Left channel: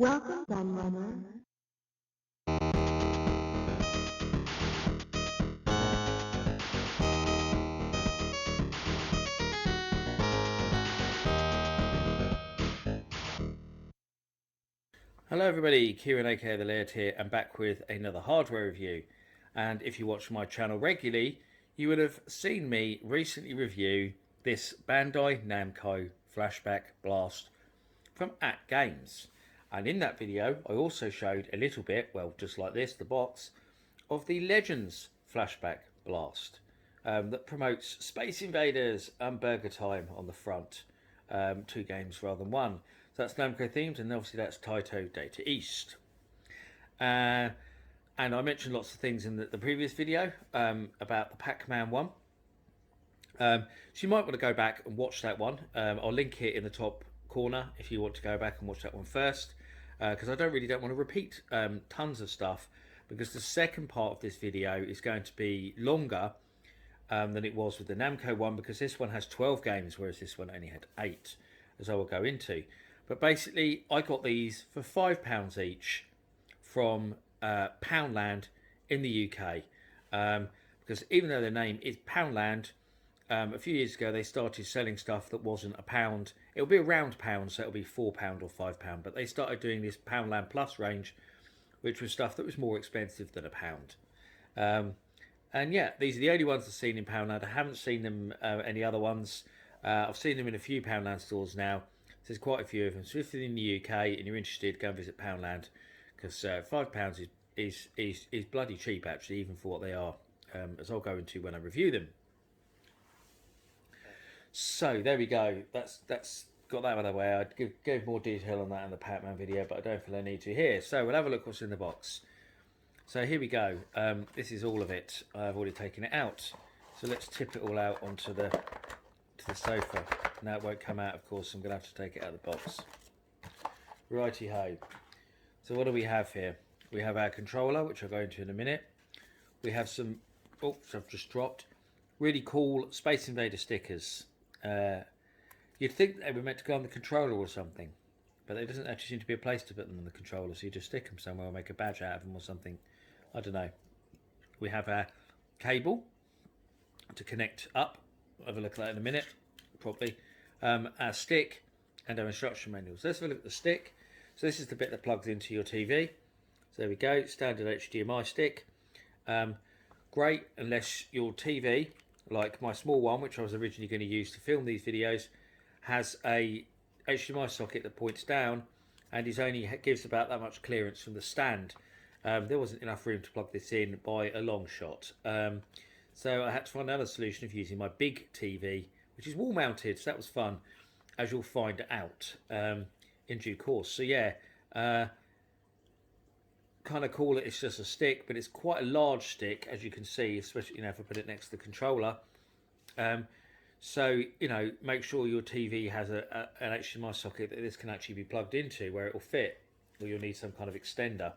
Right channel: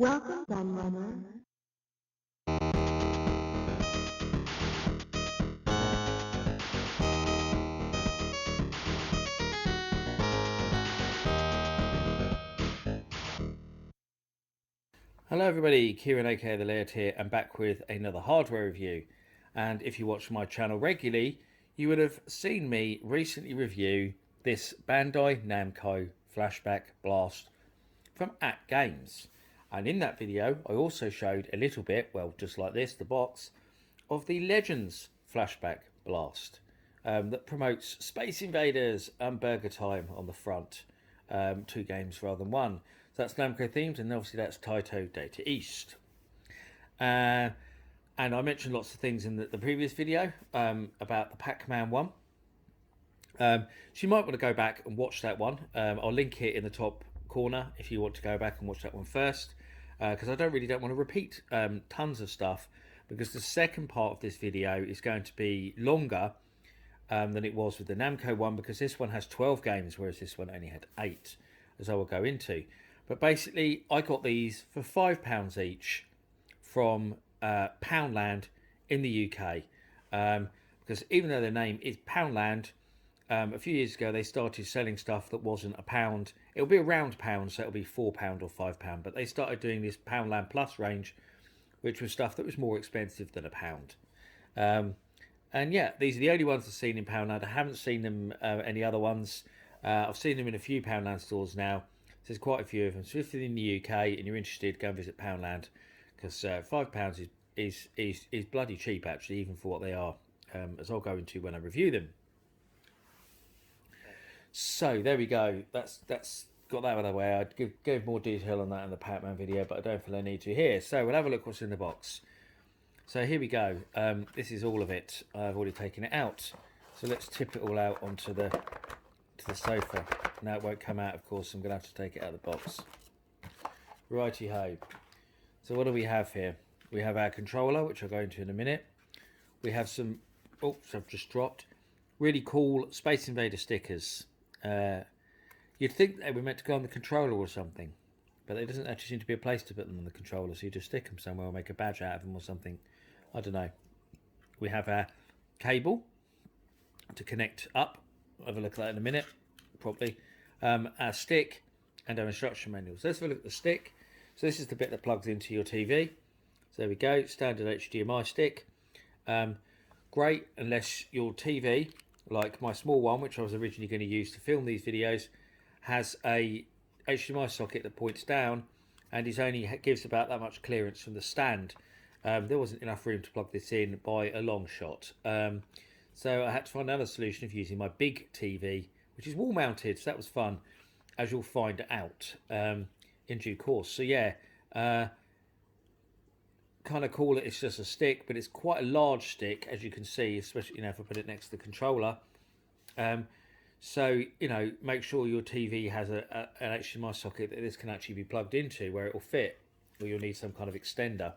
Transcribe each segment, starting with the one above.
Welcome, Gunrunner. Hello everybody, Kieran aka The Laird here and back with another hardware review. And if you watch my channel regularly, you would have seen me recently review this Bandai Namco Flashback Blast from AtGames. And in that video I also showed a little bit, well just like this, the box, of the Legends Flashback Blast that promotes Space Invaders and Burger Time on the front. Two games rather than one. So that's Namco themed, and obviously that's Taito Data East. And I mentioned lots of things in the previous video about the Pac-Man one. So you might want to go back and watch that one. I'll link it in the top corner if you want to go back and watch that one first, because I don't want to repeat tons of stuff, because the second part of this video is going to be longer than it was with the Namco one, because this one has 12 games, whereas this one only had 8, as I will go into. But basically, I got these for £5 each from Poundland in the UK. Because even though their name is Poundland, a few years ago they started selling stuff that wasn't a pound. It'll be around pound, so it'll be £4 or £5. But they started doing this Poundland Plus range, which was stuff that was more expensive than a pound. And yeah, these are the only ones I've seen in Poundland. I haven't seen them any other ones. I've seen them in a few Poundland stores now. There's quite a few of them. So if you're in the UK and you're interested, go and visit Poundland, because £5 is bloody cheap actually, even for what they are, as I'll go into when I review them. So there we go. That's got that out of the way. I'd give more detail on that in the Pac-Man video, but I don't feel I need to here. So we'll have a look what's in the box. So here we go. This is all of it. I've already taken it out. So let's tip it all out onto the sofa. Now it won't come out, of course. I'm going to have to take it out of the box. Righty ho. So what do we have here? We have our controller, which I'll go into in a minute. We have some, oops, I've just dropped, really cool Space Invader stickers. You'd think they were meant to go on the controller or something, but there doesn't actually seem to be a place to put them on the controller, so you just stick them somewhere or make a badge out of them or something. I don't know. We have our cable to connect up. I'll have a look at that in a minute, probably. Our stick and our instruction manuals. Let's have a look at the stick. So this is the bit that plugs into your TV. So there we go, standard HDMI stick. Great unless your TV, like my small one, which I was originally going to use to film these videos, has a HDMI socket that points down and is only gives about that much clearance from the stand. There wasn't enough room to plug this in by a long shot. So I had to find another solution of using my big TV, which is wall mounted, so that was fun, as you'll find out in due course. So yeah, kind of cool that it's just a stick, but it's quite a large stick, as you can see, especially if I put it next to the controller. So make sure your TV has an HDMI socket that this can actually be plugged into, where it will fit, or you'll need some kind of extender.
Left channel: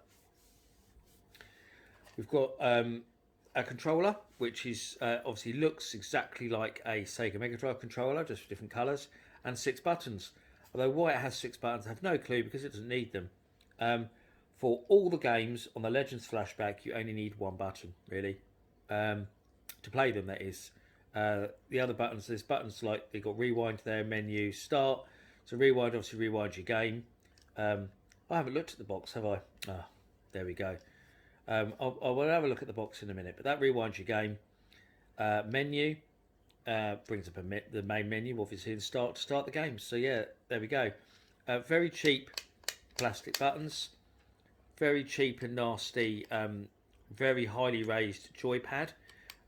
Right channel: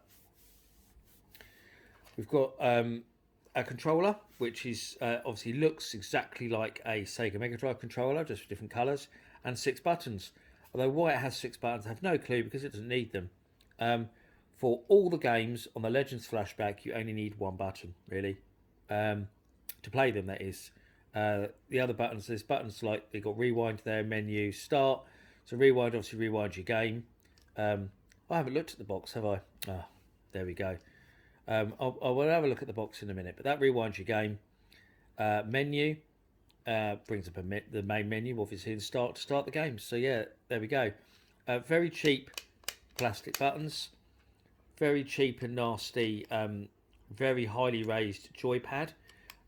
We've got a controller, which is obviously looks exactly like a Sega Mega Drive controller, just for different colours, and 6 buttons. Although why it has 6 buttons, I have no clue, because it doesn't need them. For all the games on the Legends Flashback, you only need 1 button, really, to play them, that is. The other buttons, there's buttons like, they've got rewind there, menu, start. So rewind, obviously rewind your game. I haven't looked at the box, have I? Ah, there we go. I will have a look at the box in a minute, but that rewinds your game. Menu brings up the main menu, obviously, and start the game. So yeah, there we go. Very cheap plastic buttons, very cheap and nasty, very highly raised joypad.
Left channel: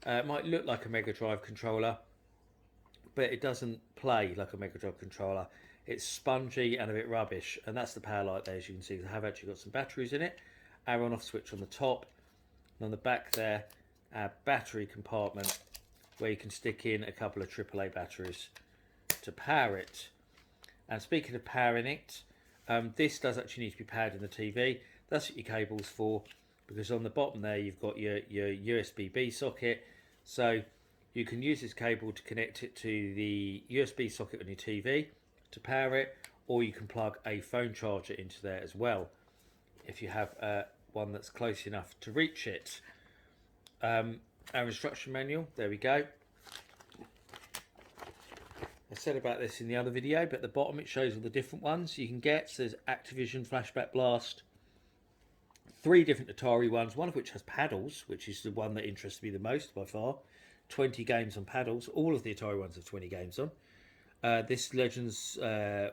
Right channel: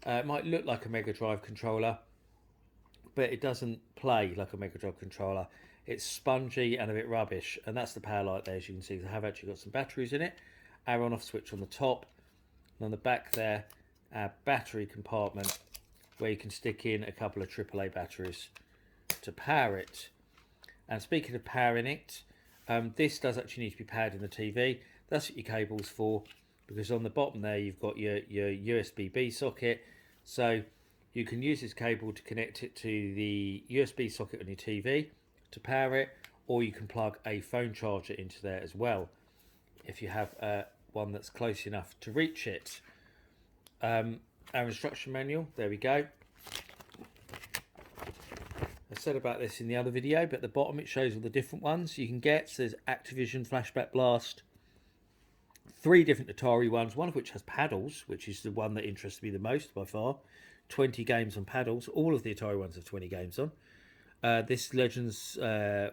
It might look like a Mega Drive controller, but it doesn't play like a Mega Drive controller. It's spongy and a bit rubbish, and that's the power light there, as you can see. They have actually got some batteries in it. Our on-off switch on the top, and on the back there, our battery compartment, where you can stick in a couple of AAA batteries to power it. And speaking of powering it, this does actually need to be powered in the TV. That's what your cable's for, because on the bottom there you've got your USB-B socket, so you can use this cable to connect it to the USB socket on your TV to power it, or you can plug a phone charger into there as well if you have one that's close enough to reach it. Our instruction manual, there we go. I said about this in the other video, but at the bottom it shows all the different ones you can get. So there's Activision Flashback Blast, 3 different Atari ones, one of which has paddles, which is the one that interests me the most by far. 20 games on paddles. All of the Atari ones have 20 games on. This Legends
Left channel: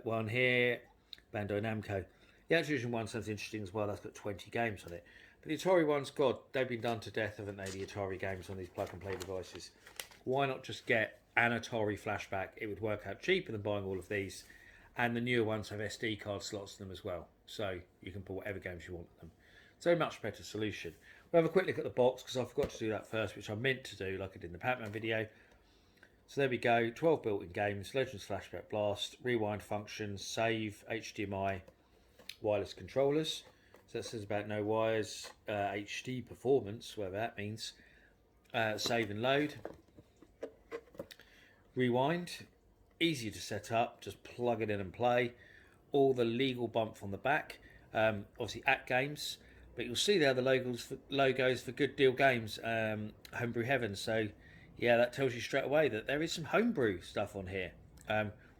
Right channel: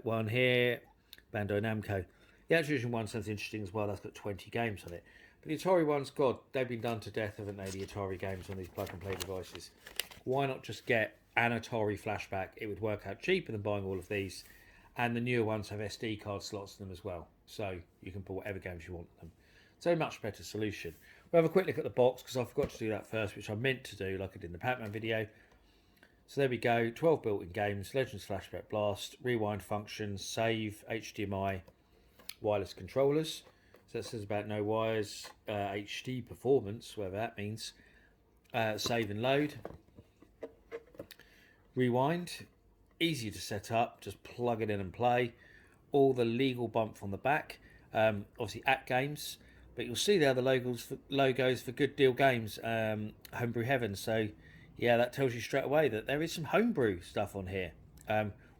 one here, Bandai Namco. The Activision one sounds interesting as well. That's got 20 games on it. But the Atari ones, God, they've been done to death, haven't they, the Atari games on these plug-and-play devices. Why not just get an Atari Flashback? It would work out cheaper than buying all of these. And the newer ones have SD card slots in them as well. So you can put whatever games you want in them. So much better solution. We'll have a quick look at the box, because I forgot to do that first, which I meant to do like I did in the Pac-Man video. So there we go, 12 built-in games, Legends Flashback Blast, rewind functions, save, HDMI, wireless controllers. So that says about no wires, HD performance, whatever that means. Save and load. Rewind, easy to set up, just plug it in and play. All the legal bump on the back, obviously AtGames. But you'll see there the logos for Good Deal Games, Homebrew Heaven. So yeah, that tells you straight away that there is some homebrew stuff on here,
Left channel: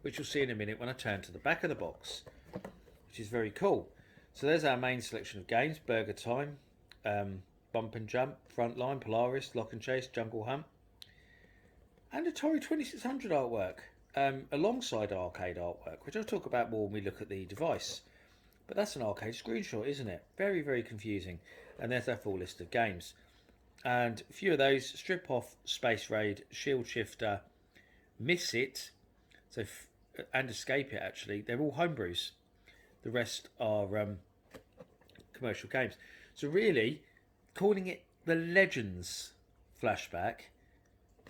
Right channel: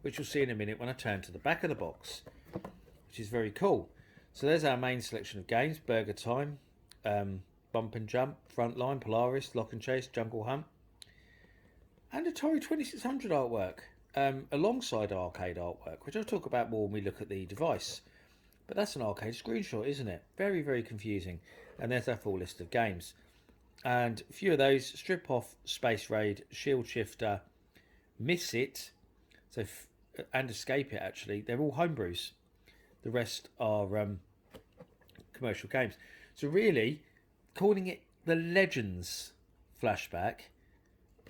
which we'll see in a minute when I turn to the back of the box, which is very cool. So there's our main selection of games: Burger Time, Bump and Jump, Frontline, Polaris, Lock and Chase, Jungle Hunt, and Atari 2600 artwork, alongside arcade artwork, which I'll talk about more when we look at the device. But that's an arcade screenshot, isn't it? Very, very confusing. And there's our full list of games. And a few of those: Strip Off, Space Raid, Shield Shifter, Miss It, and Escape It, actually. They're all homebrews. The rest are commercial games. So really, calling it the Legends Flashback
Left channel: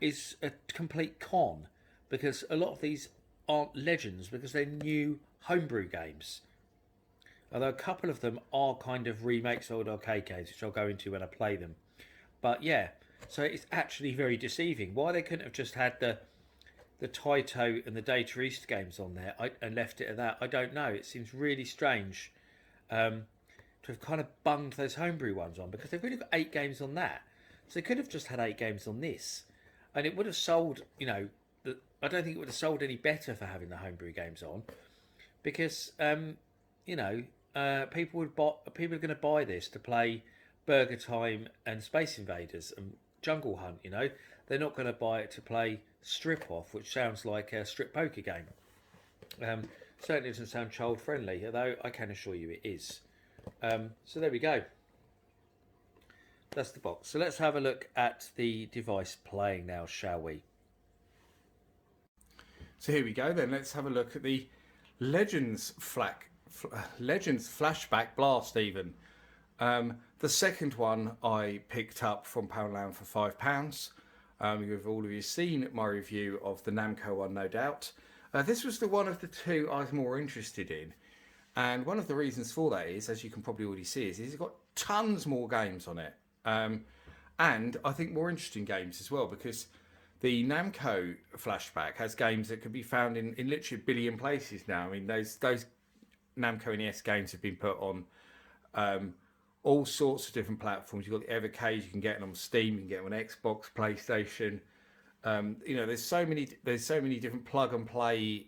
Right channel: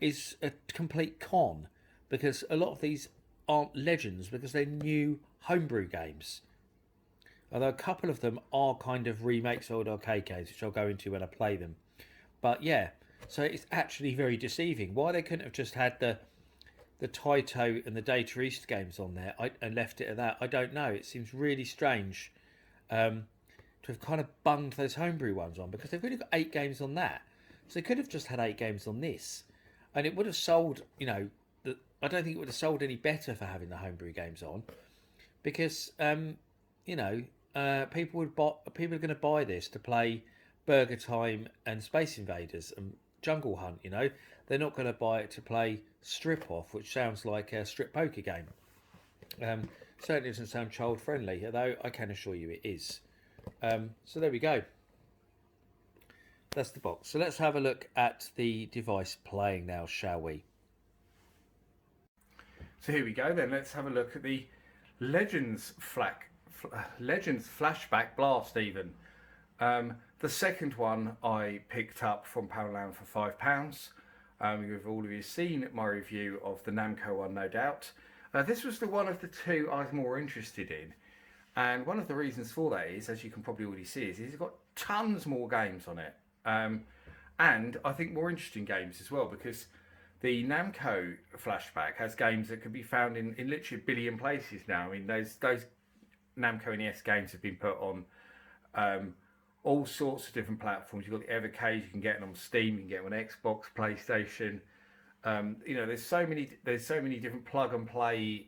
is a complete con, because a lot of these aren't Legends because they're new homebrew games. Although a couple of them are kind of remakes of old arcade games, which I'll go into when I play them. But yeah, so it's actually very deceiving. Why they couldn't have just had the Taito and the Data East games on there and left it at that, I don't know. It seems really strange to have kind of bunged those homebrew ones on, because they've really got 8 games on that. So they could have just had 8 games on this, and it would have sold, you know, I don't think it would have sold any better for having the homebrew games on, because you know, people are going to buy this to play Burger Time and Space Invaders and Jungle Hunt. You know, they're not going to buy it to play Strip Off, which sounds like a strip poker game. Certainly doesn't sound child friendly, although I can assure you it is. So there we go. That's the box. So let's have a look at the device playing now, shall we? So here we go then. Let's have a look at the Legends Flashback Blast even. The second one I picked up from Poundland for £5. You've all of you seen my review of the Namco one, no doubt. This was the one of the 2 I was more interested in. And one of the reasons for that is, as you can probably already see, is it's got tons more games on it. And I think more interesting games as well, because the Namco Flashback has games that can be found in literally a billion places now. I mean, those Namco NES games have been put on all sorts of different platforms. You've got the Evercade, you can get them on Steam, you can get them on Xbox, PlayStation. You know, there's so many different plug and play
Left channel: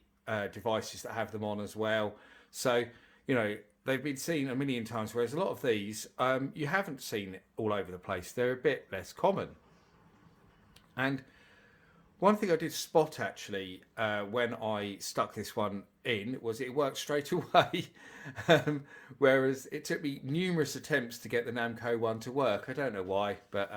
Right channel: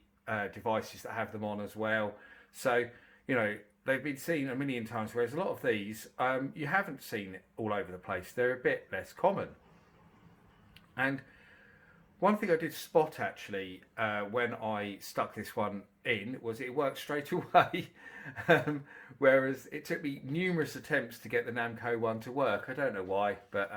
devices that have them on as well. So, you know, they've been seen a million times, whereas a lot of these you haven't seen all over the place. They're a bit less common. And one thing I did spot actually when I stuck this one in was it worked straight away, whereas it took me numerous attempts to get the Namco one to work. I don't know why, but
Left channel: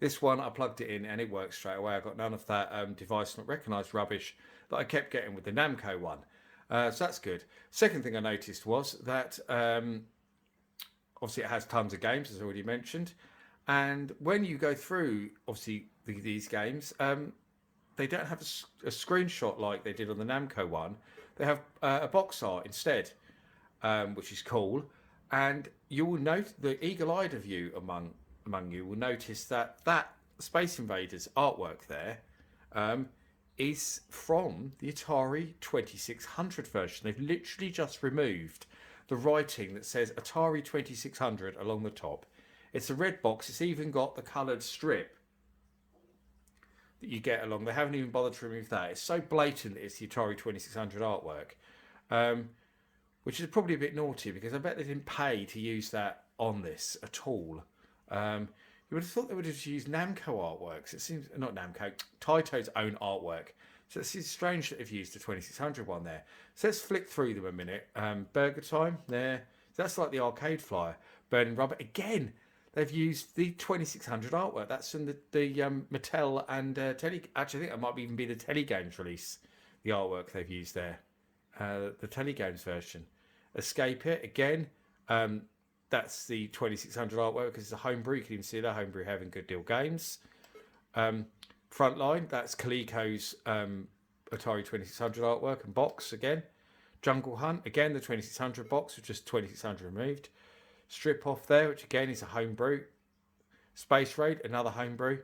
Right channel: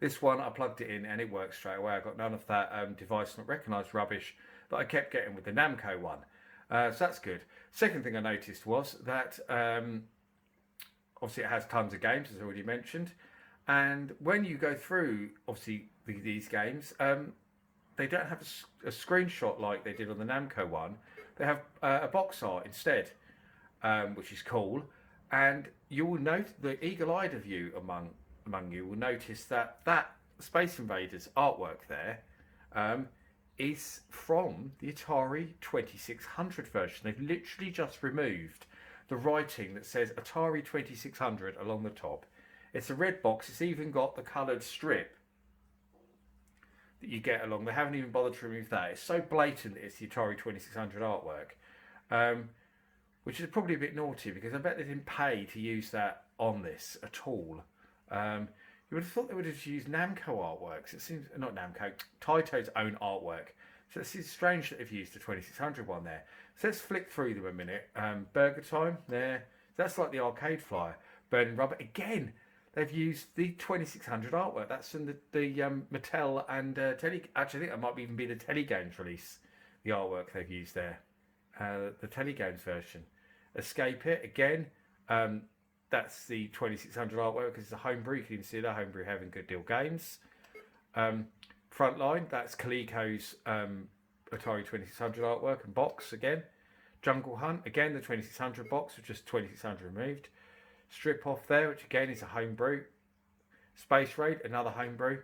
this one I plugged it in and it worked straight away. I got none of that device not recognised rubbish that I kept getting with the Namco one. So that's good. Second thing I noticed was that obviously it has tons of games, as I already mentioned, and when you go through obviously these games, they don't have a screenshot like they did on the Namco one. They have a box art instead, which is cool. And you will note, the eagle-eyed of you among you will notice that Space Invaders artwork there is from the Atari 2600 version. They've literally just removed the writing that says Atari 2600 along the top. It's a red box. It's even got the coloured strip that you get along. They haven't even bothered to remove that. It's so blatant that it's the Atari 2600 artwork, which is probably a bit naughty because I bet they didn't pay to use that on this at all. You would have thought they would have used Namco artworks. It seems, not Namco, Taito's own artwork. So it's strange that they've used the 2600 one there. So let's flick through them a minute. Burger Time, there. That's like the arcade flyer. Burning Rubber, again, they've used the 2600 artwork. That's from the Mattel and Actually, I think that might even be the Telegames release, the artwork they've used there. The Telegames version. Escape It, again. That's the 2600 artwork because it's a homebrew. You can even see that homebrew having Good Deal Games. Frontline, that's Coleco's Atari 2600 artwork and box again. Jungle Hunt, again the 2600 box with just 2600 removed. Strip Off there, which again is a homebrew. Space Raid, another homebrew.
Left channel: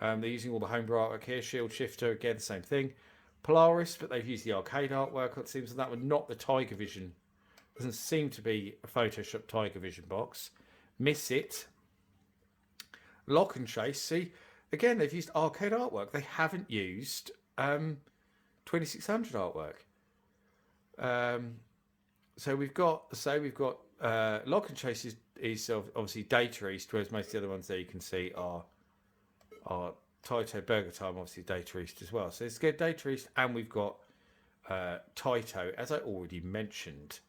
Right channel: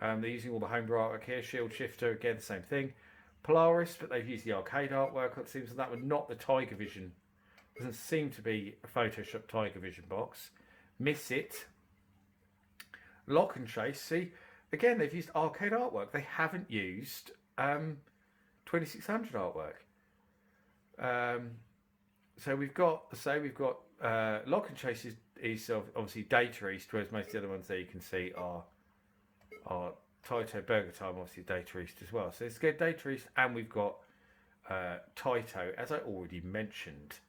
They're using all the homebrew artwork here. Shield Shifter, again the same thing. Polaris, but they've used the arcade artwork. It seems that one, not the Tiger Vision. Doesn't seem to be a Photoshop Tiger Vision box. Miss It. Lock and Chase. See, again, they've used arcade artwork. They haven't used 2600 artwork. So we've got Lock and Chase is obviously Data East, whereas most of the other ones there you can see are Taito. Burger Time, obviously Data East as well. So let's get Data East, and we've got Taito, as I already mentioned.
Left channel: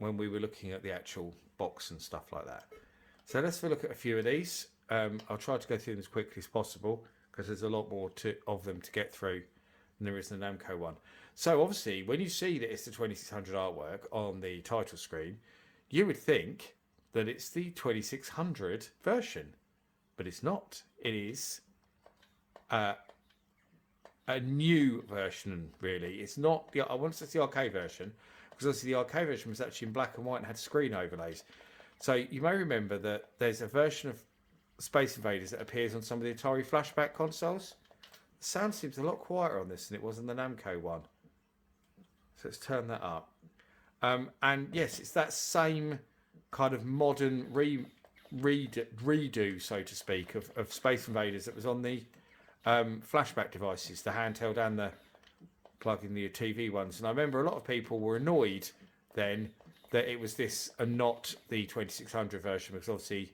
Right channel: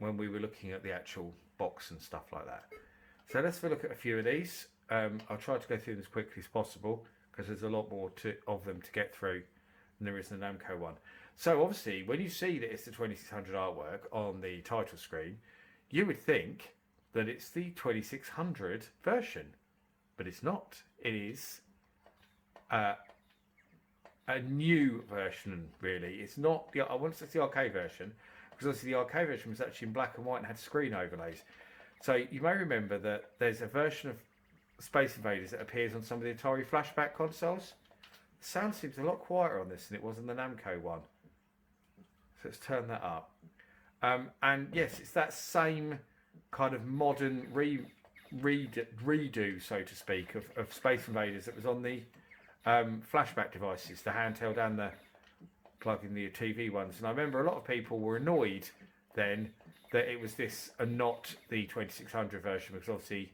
When we were looking at the actual box and stuff like that. So let's have a look at a few of these. I'll try to go through them as quickly as possible because there's a lot more of them to get through than there is the Namco one. So obviously, when you see that it's the 2600 artwork on the title screen, you would think that it's the 2600 version, but it's not. It is a new version, really. It's not the. I want to say it's the arcade version. Because obviously the arcade version was actually in black and white and had screen overlays. So you may remember that there's a version of Space Invaders that appears on some of the Atari Flashback consoles. The sound seems a lot quieter on this than it was on the Namco one. So let's turn that up. And yes, it's that same kind of modern redo, so to speak, of Space Invaders that was on the Flashback devices, the handheld and the plug in the TV ones. And I remember a lot of people were annoyed then that it was this and not the 2600 version, because obviously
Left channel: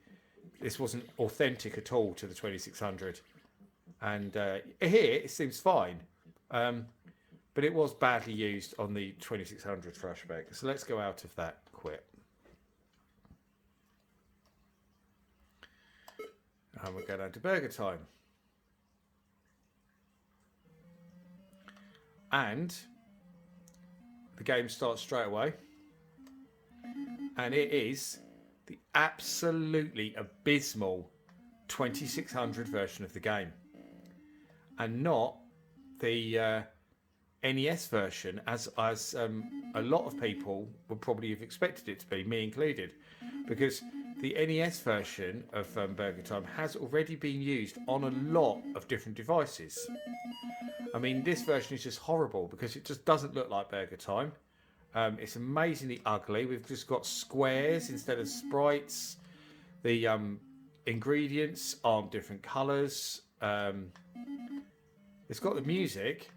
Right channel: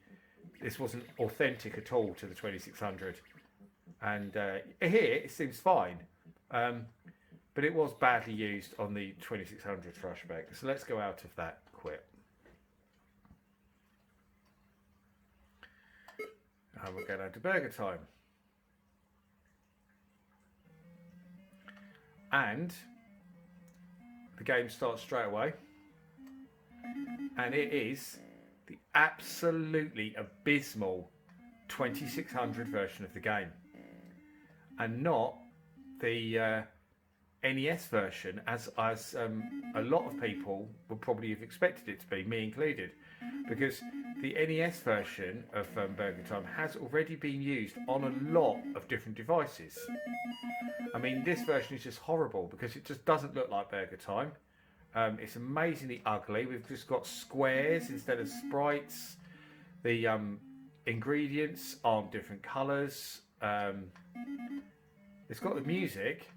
this wasn't authentic at all to the 2600. And here it seems fine, but it was badly used on the 2600 Flashback. So let's go out of that quick. And we'll go down to Burger Time. And the game starts straight away, and it is the absolutely abysmal 2600 version of the game, and not the NES version as a lot of people would probably have expected it to be, me included, because the NES version of Burger Time has already been used on a lot of different devices. I mean, this version is just horrible because it just doesn't look like Burger Time. It's amazingly ugly. We've just got squares instead of sprites. The ingredients aren't different colours. It's got the music.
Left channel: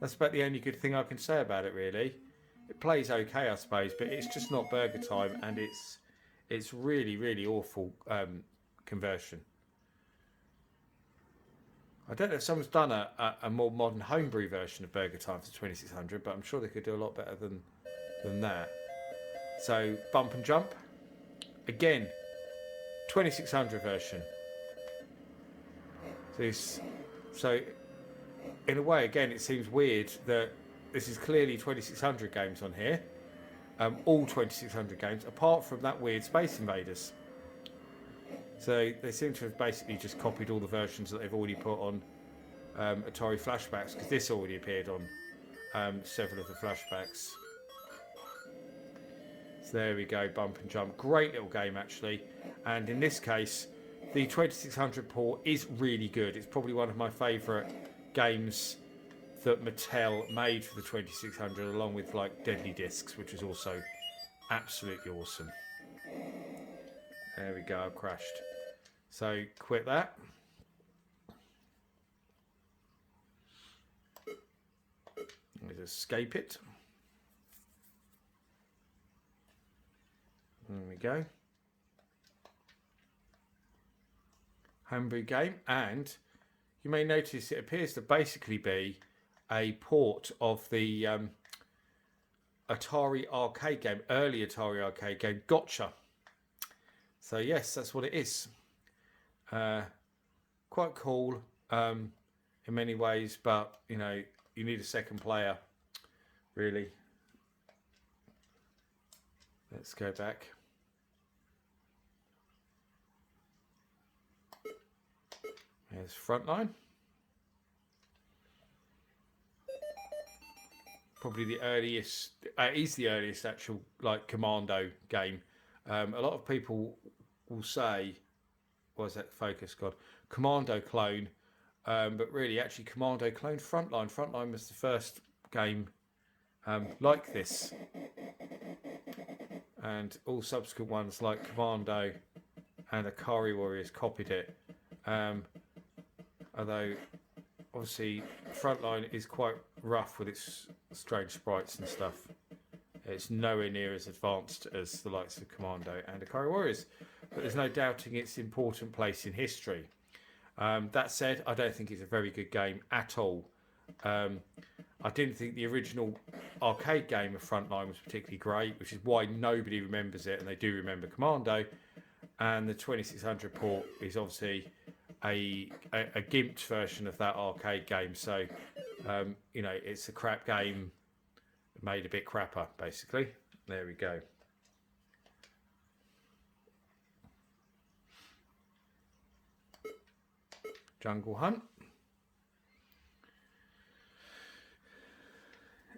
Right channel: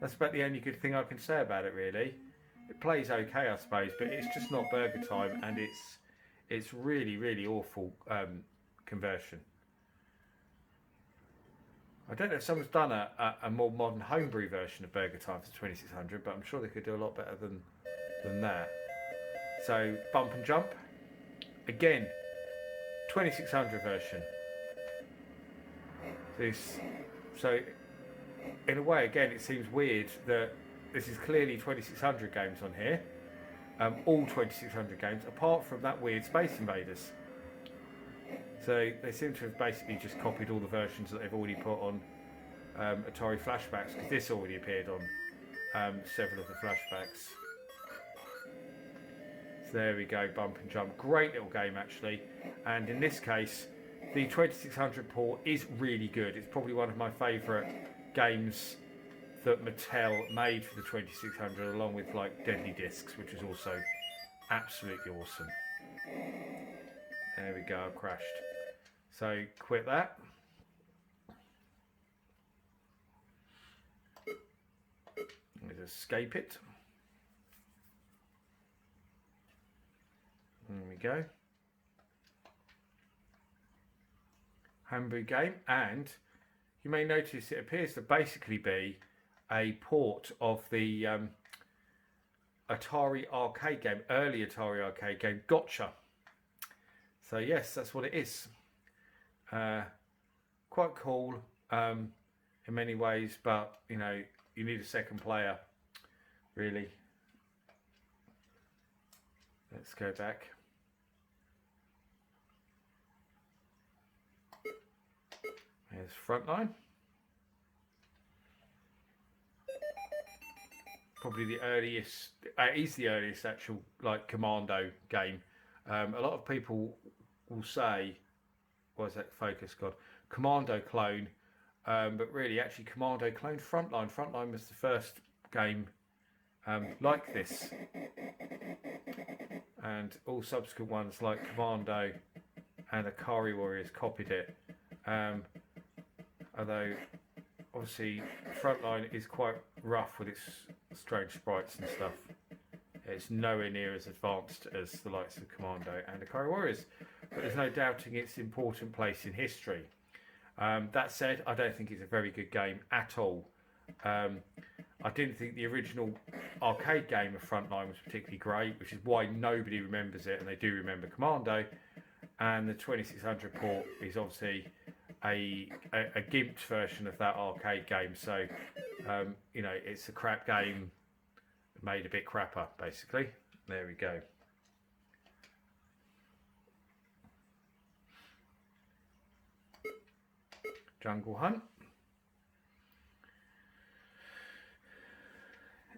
That's about the only good thing I can say about it, really. It plays okay, I suppose, but it's just not Burger Time, and it's really, really awful conversion. I don't know if someone's done a more modern homebrew version of Burger Time for 2600, but I'm sure they could do a lot better than that. So, Bump and Jump. Again, 2600 version. So in a way, again, it seems weird that this is clearly 2600 games on here. All 2600 games, apart from that weird Space Invaders. So they seem to have basically just copied all the versions that they've already put on Atari Flashbacks, because this already appeared on several of the Flashbacks. So there we go, Bump and Jump. Great little game, actually. And in this case, the 2600 port is really good. It's probably one of my favourite games that Mattel made for the 2600, along with like Deadly Discs, which was also absolutely awesome. There we go, I've crashed. So quit that. Let's escape it. There we go. Homebrew game, and you may notice it appears to basically be a port of the Atari arcade game, early Atari arcade game, Gotcha. So yes, that's what it is. Quite cool in many ways, but you know, you need a second player, really. Let's go back. There's Frontline. Probably the earliest, is the earliest actual like Commando game. A lot of people will say, what's that focus gone? Commando clone, but really actually Commando clone Frontline. Frontline was the first game like this. And all subsequent ones like Commando and Akari Warriors copied it. Although obviously Frontline is quite rough with its strange sprites and stuff. It's nowhere near as advanced as the likes of Commando and Akari Warriors, but there's no doubting its important place in history. That said, I don't think it's a very good game at all. I didn't think the original arcade game of Frontline was particularly great, which is why nobody remembers it, and they do remember Commando. And the 2600 port is obviously a gimped version of that arcade game, so you know, it's a crap game made a bit crapper, basically. There we go. Jungle Hunt.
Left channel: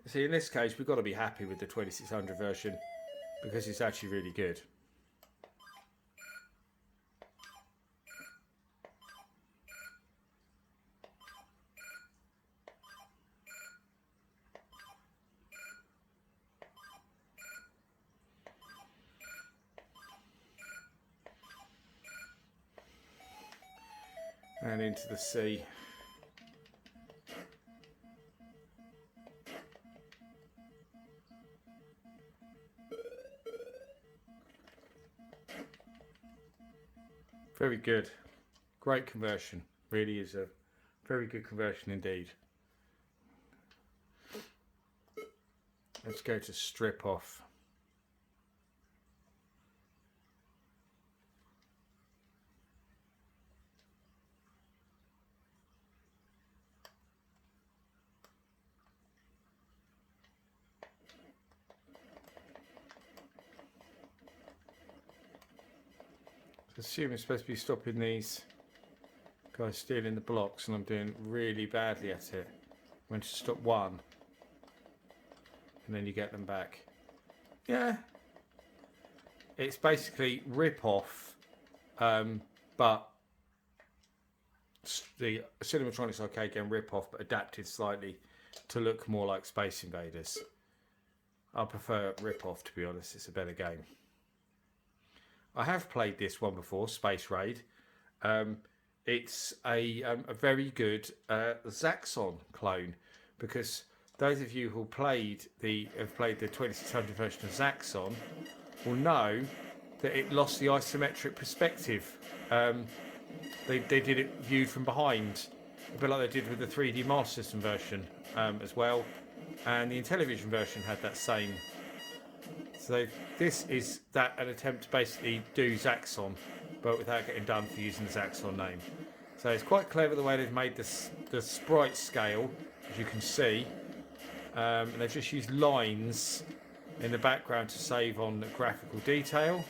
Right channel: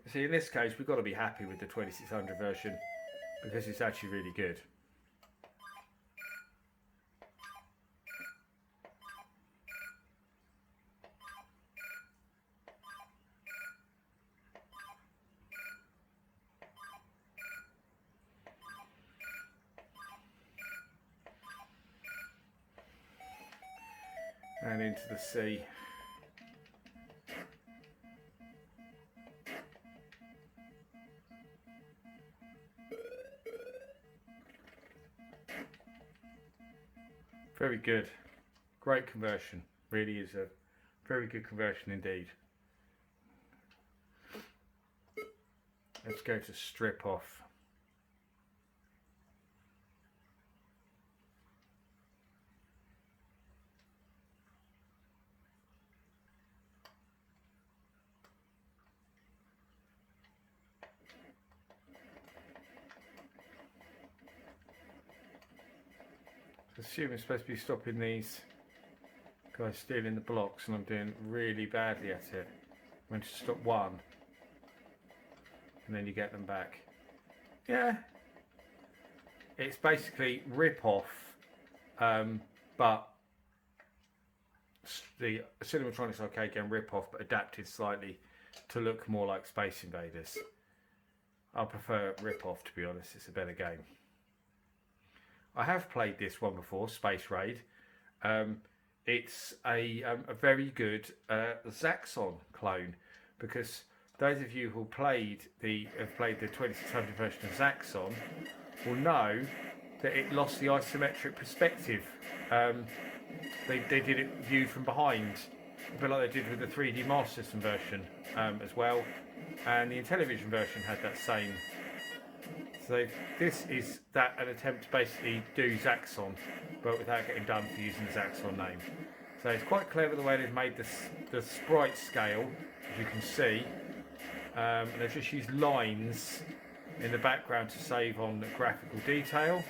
See, in this case, we've got to be happy with the 2600 version because it's actually really good. And into the sea. Very good. Great conversion. Really is a very good conversion indeed. Let's go to strip off. Assume it's supposed to be stopping these guys stealing the blocks, and I'm doing really badly at it. I'm going to stop one, and then you get them back. Yeah, it's basically rip-off, but the Cinematronics arcade game rip-off, but adapted slightly to look more like Space Invaders. I prefer rip-off, to be honest. It's a better game. I have played this one before, Space Raid. It's a very good Zaxxon clone, because those of you who have played the 2600 version of Zaxxon will know that it lost the isometric perspective. They did it viewed from behind, a bit like they did with the 3D Master System version as well, and the Intellivision version had that same. So this is an attempt to basically do Zaxxon, but without getting done for using the Zaxxon name. So it's quite clever the way they've made the sprite scale, as you can see. And they've just used lines in the background to save on the graphical detail.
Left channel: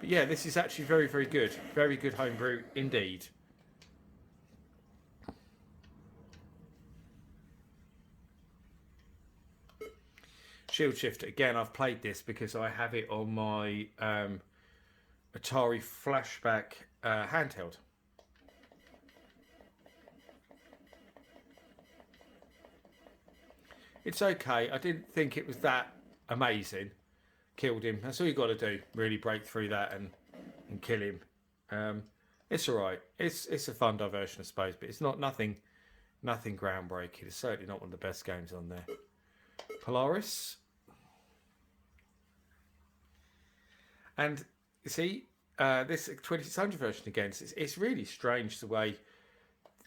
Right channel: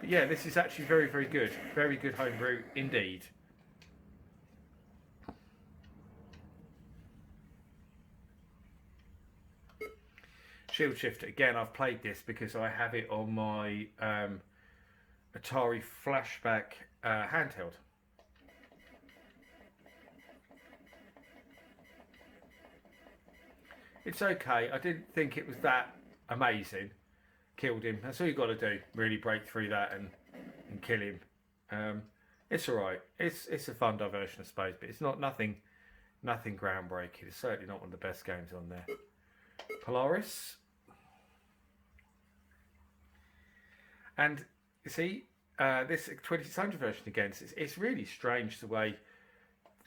But yeah, this is actually very, very good. Very good homebrew indeed. Shield Shifter, again, I've played this because I have it on my Atari Flashback handheld. It's okay. I didn't think it was that amazing. Killed him. That's all you got to do. Really break through that and kill him. It's all right. It's a fun diversion, I suppose, but it's not nothing groundbreaking. It's certainly not one of the best games on there. Polaris. And you see, this 2600 version again, it's really strange the way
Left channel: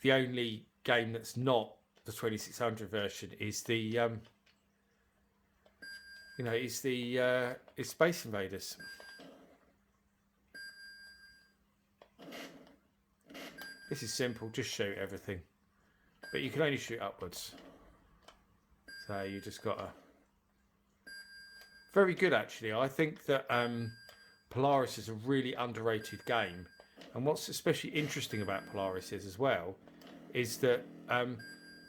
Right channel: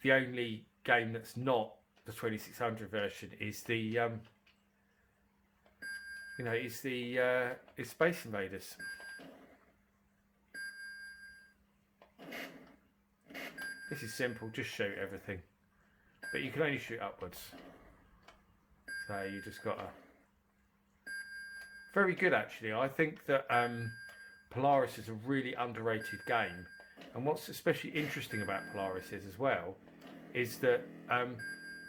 the only game that's not the 2600 version is the is Space Invaders. This is simple, just shoot everything, but you can only shoot upwards, so you just gotta. Very good, actually. I think that Polaris is a really underrated game, and what's especially interesting about Polaris is as well is that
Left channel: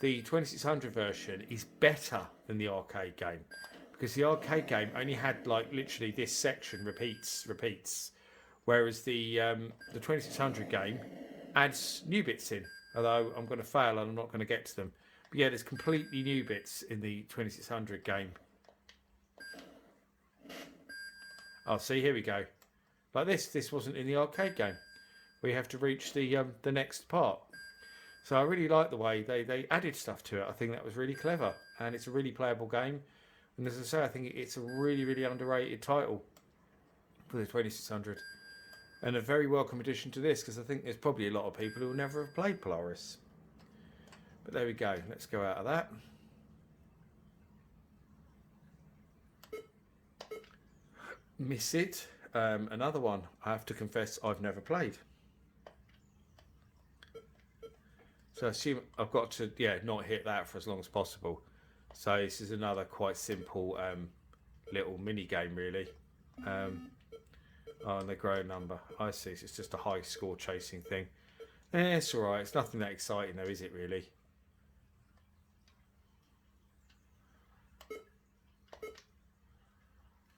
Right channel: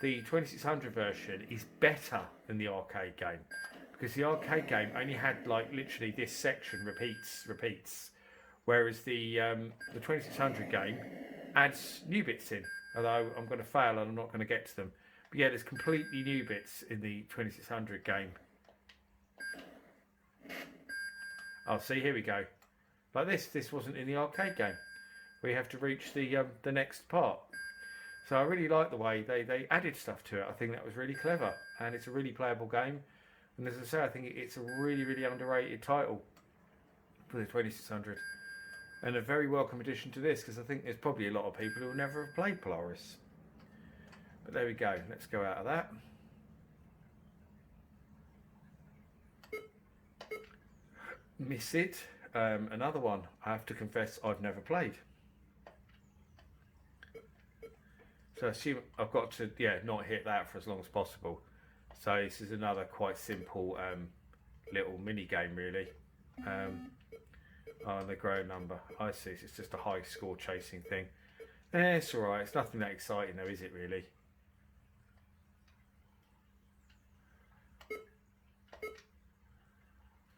the 2600 version is better than the arcade game, because the arcade game only had like literally this section repeats, whereas the 2600 game adds new bits in. Although I'm going to fail and I'm not going to get to them, but yeah, there's completely new bits in the 2600 game. Oh, see, here we go. Like this wasn't in the arcade game. We have to reach the next part. So I really like the way they added stuff to it. I think that was really clever, and it's a really playable game. And as I say, I think it's a really underrated title for the 2600, and a very welcome addition to this, because I think there's probably a lot of people who will never have played Polaris. But there we go. Let's go out of that. Miss It. Another one I have to confess I've never played. So I assume I've got to not hit that for as long as possible. So this is another quite simple little mini game really. Oh, they grow a number. I see. It's just a high score chasing thing. It's alright. It's nothing that exciting though, is it really?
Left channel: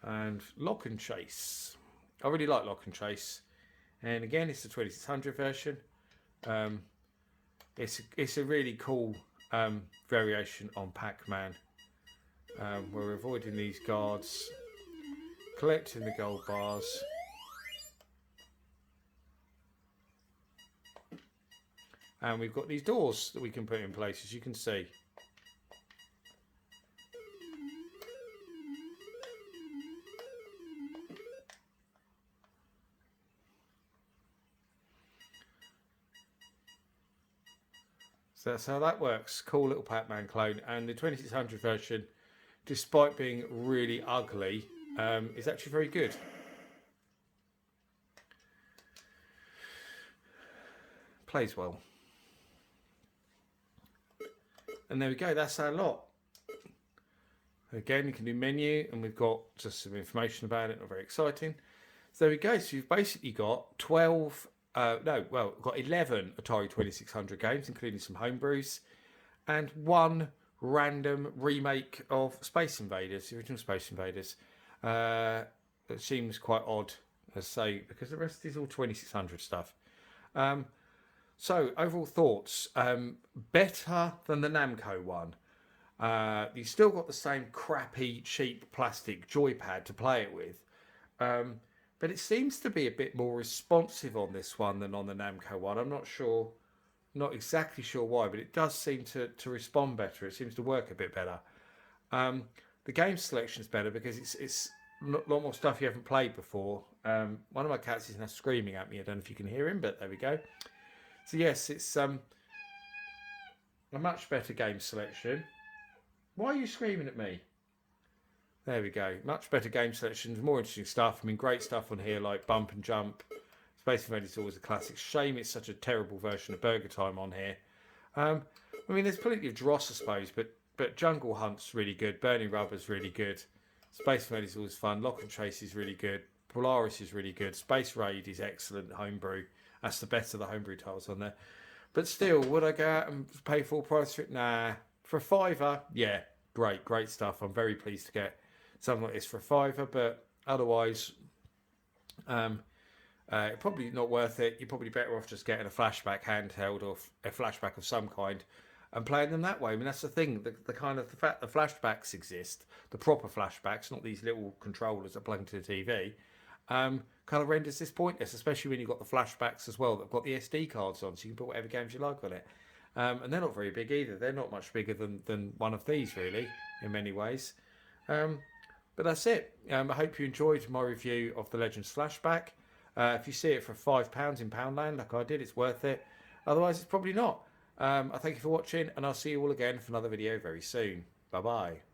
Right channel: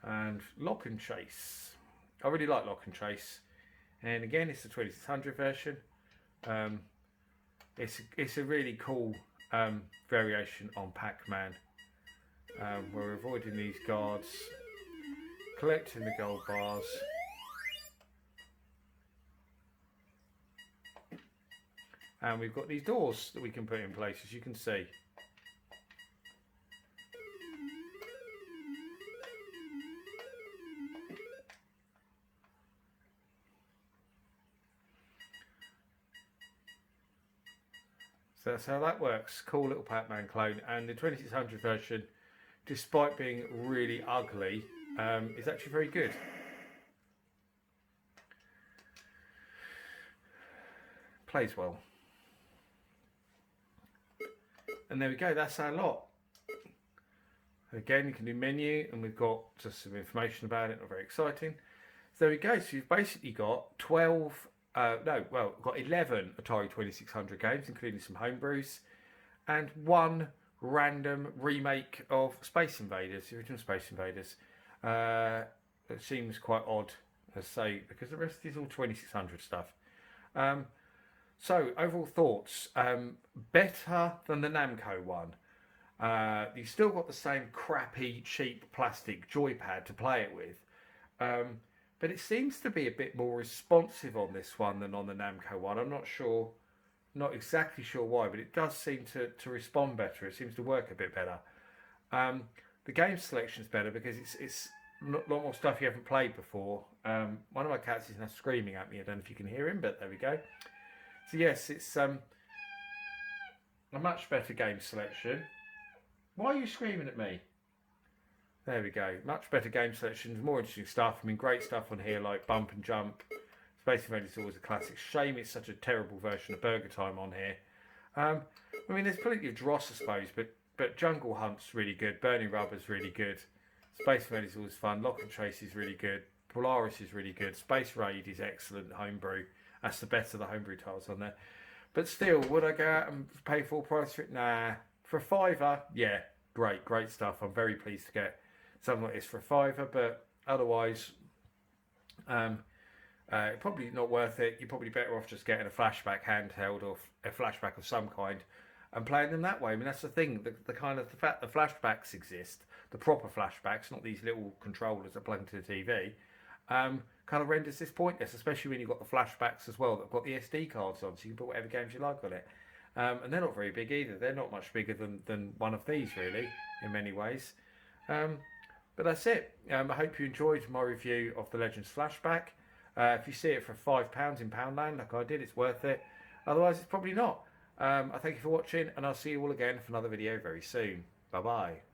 And Lock and Chase. I really like Lock and Chase. And again, it's the 2600 version. It's a really cool variation on Pac-Man. We're avoiding these guards, collecting the gold bars. And we've got these doors that we can put in place, as you can see. So that's how that works. Cool little Pac-Man clone. And the 2600 version, despite being really ugly, is actually very good. Plays well. And there we go, that's our lot. Again, you can do menu, and we've got just some information about it, not very exciting. So there we go, so you've basically got 11 Atari 2600 games, including some homebrews, and one random remake of Space Invaders, the original Space Invaders. It seems quite odd, as I say, because the rest is all 2600 stuff. So, overall thoughts. Better than the Namco one. You've still got the same crappy, cheap plastic joypad to play it with. But it seems to be a bit more responsive on this one than on the Namco one. I'm not exactly sure why, but it does seem to respond better. It seems to work a bit better. The game selection's better because it's a lot more stuff you haven't played before. One of my cats is now screaming at me. I don't know if you can hear him, but there we go. So yes, it's a much better game selection. Why are you screaming at me? There we go. Much better game selection, more interesting stuff. I mean, great stuff on here like Bump and Jump. Space Invaders is always a classic. Shame it's such a terrible version of Burger Time on here. I mean, there's plenty of dross, I suppose, but Jungle Hunt's really good. Burning Rubber's really good. Space Invaders is always fun. Lock and Chase is really good. Polaris is really good. Space Raid is excellent. Homebrew. That's the best of the homebrew titles on there. But still, would I go out and pay full price for it? Nah. For a $5, yeah, great stuff. I'm very pleased to get something like this for a $5, but otherwise, probably not worth it. You're probably better off just getting a flashback handheld or a flashback of some kind, and playing them that way. I mean, that's the thing. The kind of the fact the flashbacks exist, the proper flashbacks, not these little controllers that plug into the TV, kind of renders this pointless, especially when you've got the flashbacks as well that've got the SD cards on, so you can put whatever games you like on it. And they're not very big either. They're not much bigger than one of these, really, in many ways. But that's it. I hope you enjoyed my review of the Legends Flashback. If you see it for £5 in Poundland, like I did, it's worth it. Otherwise, it's probably not. I thank you for watching, and I'll see you all again for another video very soon. Bye-bye.